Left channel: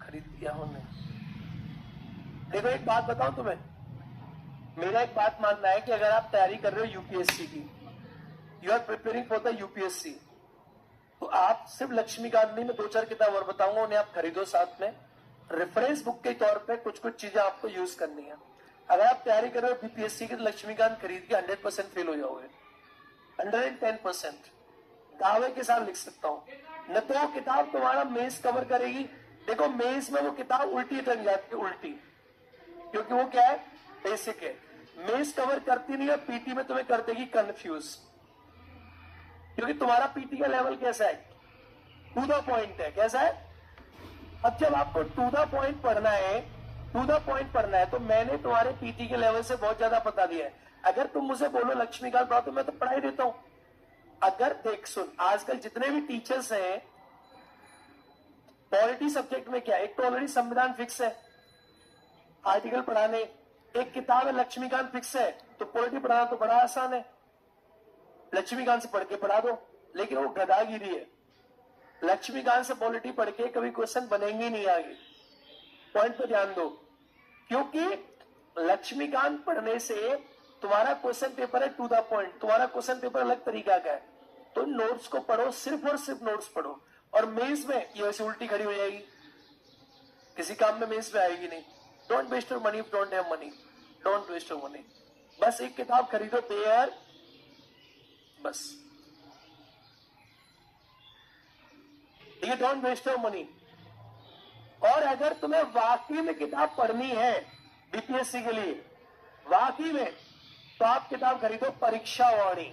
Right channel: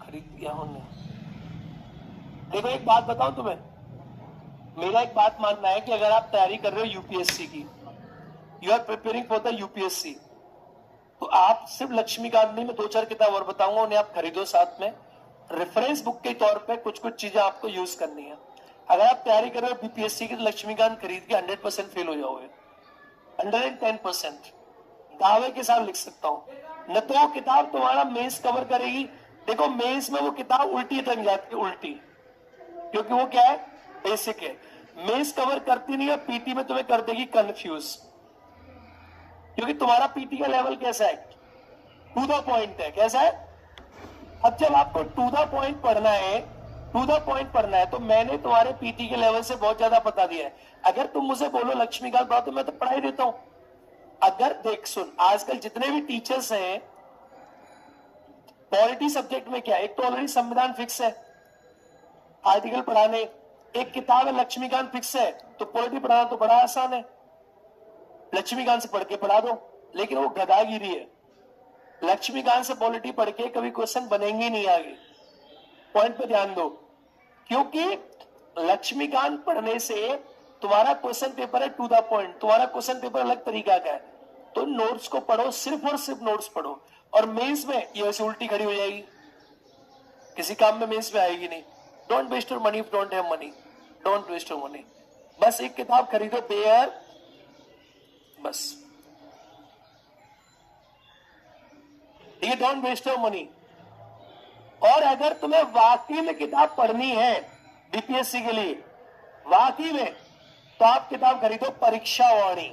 खरीद लिया होने। देखो एक बात बताऊं तुम्हें, मेरा एक बात मानना है कि अगर आप तैयारी कर रहे हो यूपीएससी की, you are preparing for the UPSC, तो आप सिर्फ लक्ष्मीकांत नहीं, मैं 2-4 किताब और बताऊंगा, उन्हें आप खरीदो साथ में। रेफरेंस बुक के तौर पे कुछ कुछ चीजें आपको यूज करनी है। अगर आप तैयारी कर रहे हो बीपीएससी की, तो लक्ष्मीकांत खरीद के 100% फेल हो जाओगे, 110%। दावे के साथ लिख सकता हूं। न तो किताब तुम्हारा मेंस कवर करेगी, देखो मेंस में वो किताब उल्टी टंग जाती है, उल्टी, क्योंकि वो क्या है, बेसिक है। मेंस कवर करती नहीं है, पीटी में तुम्हें कर देगी कंफ्यूज, क्योंकि तुम्हारा पीटी का लेवल कैसा है, टू द पॉइंट है। कैसा है? अब जब आपको टू द पॉइंट पढ़ना है, टू द पॉइंट पढ़ना है, तो मैंने तुम्हारे पीटी के लेवल से बहुत ज्यादा बता दिया है। अगर तुम मुझे बोलो लक्ष्मीकांत पढ़ाओ, तो मैं तो पढ़ा ही देता हूं। अगर देख सुन, आजकल जितने भी टीचर्स हैं पॉलिटी सब्जेक्ट में, क्या एक तो ऑलरेडी संविधान फिक्स है, आर्टिकल पढ़ाने, एक किताब है लक्ष्मीकांत फिक्स है, तो पॉलिटी पढ़ाना तो बड़ा आसान है, लक्ष्मीकांत से पढ़ के पढ़ा दो। लेकिन वो गधागिरी है, लक्ष्मीकांत से पॉलिटी पढ़ के कभी क्वेश्चन बनेंगे नहीं आगे। पॉइंट पे ध्यान दो, क्योंकि लक्ष्मीकांत पढ़ने से तुम्हारा क्वेश्चन पेपर है टू द पॉइंट, तुम्हारा क्वेश्चन पेपर अलग तरीका का है। तो नोट्स को पढ़ो, सिर्फ और सिर्फ नोट्स पढ़ो, और मेंस में ये वैसे उल्टी खड़ी हो जाएगी, किसी काम में मेंस में आएगी नहीं। Don't waste your money, don't have money, don't waste your money. बस एक किताब खरीदो, बेयर, बस ये डोंट वेस्ट योर मनी। और अगर तुम्हें वाकई में किताब पढ़नी है बीपीएससी के लिए, वाकई में, तो आप किताब खरीदो Pariksha Vani.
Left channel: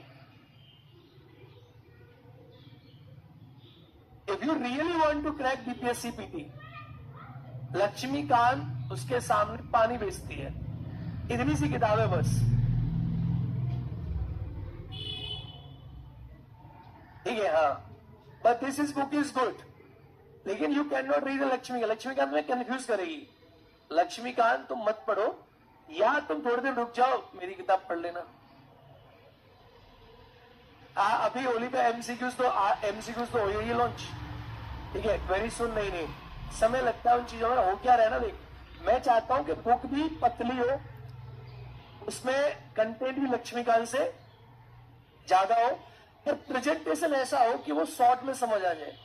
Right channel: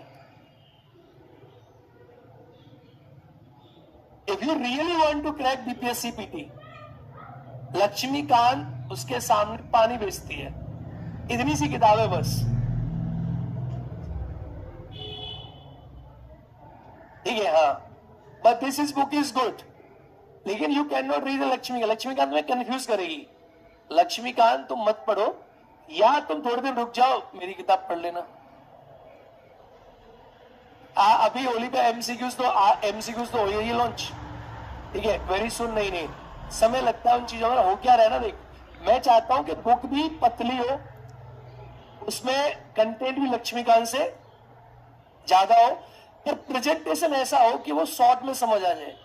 If you really want to crack BPSC PT, Laxmikanth उसके सामने पानी बेचती है, इतनी सी किताब है बस, ठीक है? हाँ, but this is book is good, लेकिन you can not read Laxmikanth. Laxmikanth में कंफ्यूज करेगी। लक्ष्मीकांत तुम मत पढ़ो, या तुम थोड़ी देर रुक जाओ, मेरी किताब पढ़ लेना। अभी होली पे एमसीक्यूज तो हो गई लॉन्च, ठीक है? वेरी सुन, नहीं समय लगता है उन चीजों में, हो क्या रहा है ना। देख, मैं चाहता हूं कि बुक भी पतली हो, उसमें कंटेंट भी लक्ष्मीकांत से ज्यादा हो, पर प्रेजेंटेशन ऐसा हो कि वो शॉर्ट में समझ आ जाए।